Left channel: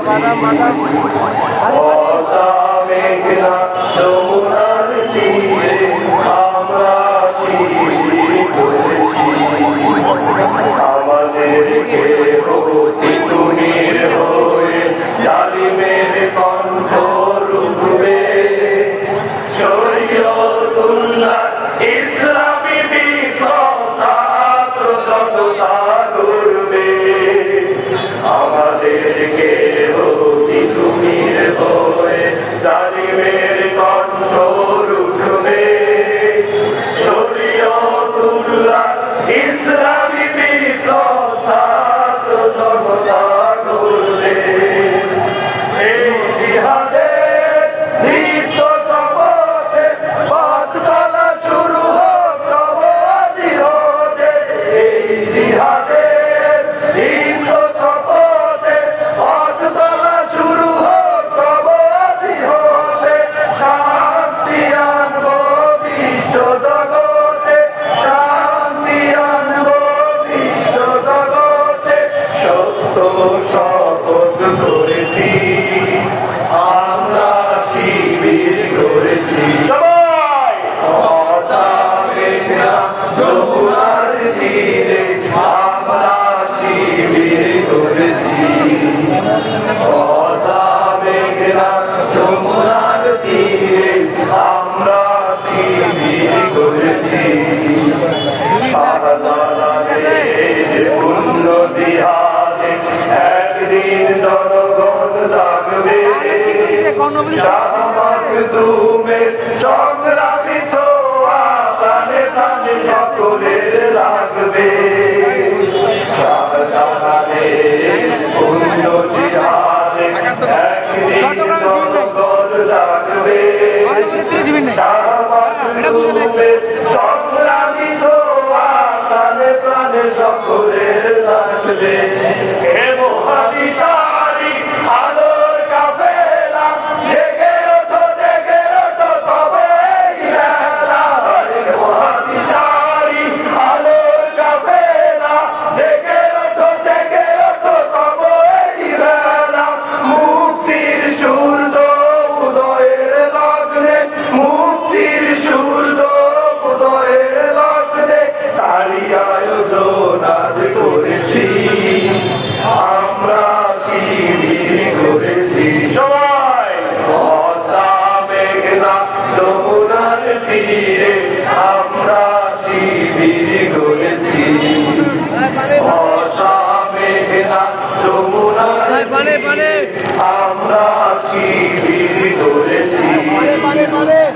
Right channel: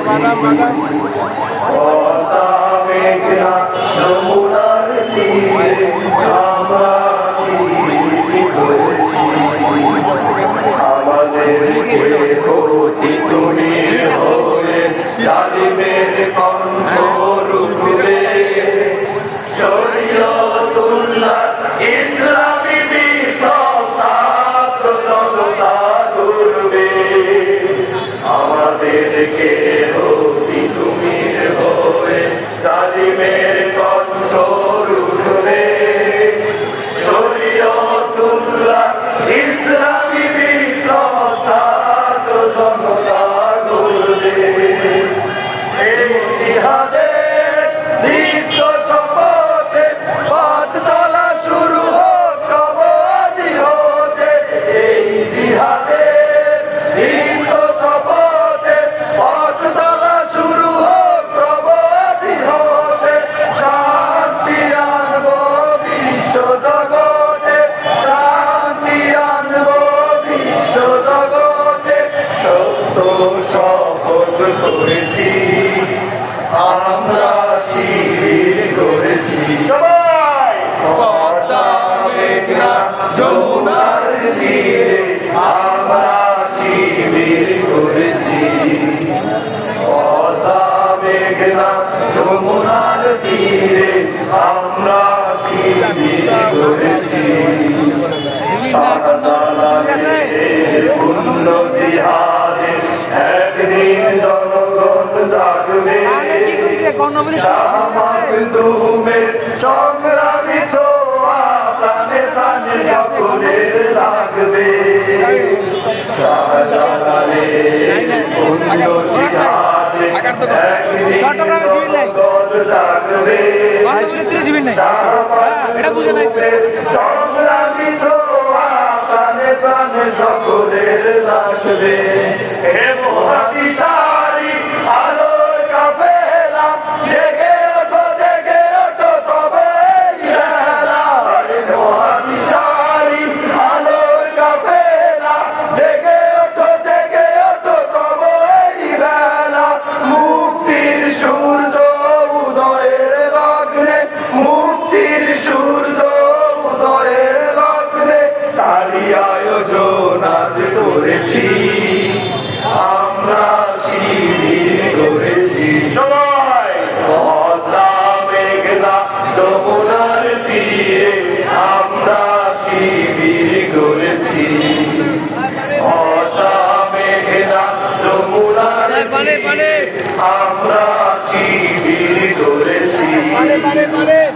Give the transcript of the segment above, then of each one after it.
পদ্মা মেঘনা যমুনার তীরে আমরা শিবির করেছি। আমাদেরকে অতি তুমি হয়ে জালিমের কণ্ঠ রুখবে। শরীয়তুল্লাহ ইসলামী বিপ্লব ছাত্র জনতা গড়বে। আমাদেরকে অতি তুমি হয়ে জালিমের কণ্ঠ রুখবে। শরীয়তুল্লাহ ইসলামী বিপ্লব ছাত্র জনতা গড়বে। এই জিহাদের দীপ্ত শপথে পথ চলা শুরু হোক তব আজি হতে। এই জিহাদের দীপ্ত শপথে পথ চলা শুরু হোক তব আজি হতে। শান্তি আনব বিশ্ব জগতে, শান্তি আনব বিশ্ব জগতে। সত্য শপথ করেছি, আমরা শিবির করেছি। পদ্মা মেঘনা যমুনার তীরে আমরা শিবির করেছি। পদ্মা মেঘনা যমুনার তীরে আমরা শিবির করেছি। পূর্ণ জিহাদে একদিন জনগণ জাগবে। মাকদুমের সংগ্রামী ছোঁয়া প্রাণে প্রাণে সকলের লাগবে। শাহজালালের পূর্ণ জিহাদে একদিন জনগণ জাগবে। সংগ্রামী ছোঁয়া প্রাণে প্রাণে সকলের লাগবে। আলোর কাফেলা জেগে ওঠো তবে আলোর কাফেলা জেগে ওঠো তবে বেলা। মুক্তির সূর্য উদয়ের লগ্নে, মুক্তির সূর্য উদয়ের লগ্নে তারই আয়োজন আজ করেছি। আমরা শিবির করেছি। পদ্মা মেঘনা যমুনার তীরে আমরা শিবির করেছি। পদ্মা মেঘনা যমুনার তীরে আমরা শিবির করেছি।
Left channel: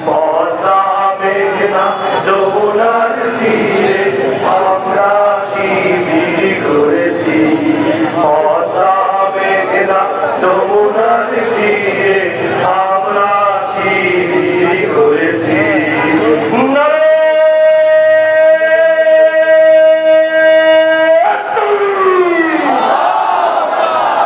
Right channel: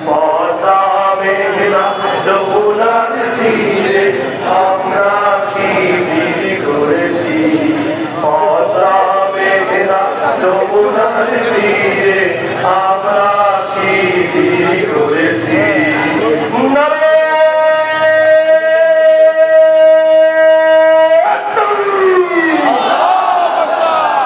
পদ্মা মেঘনা যমুনার তীরে আমরা শিবির করেছি। পদ্মা মেঘনা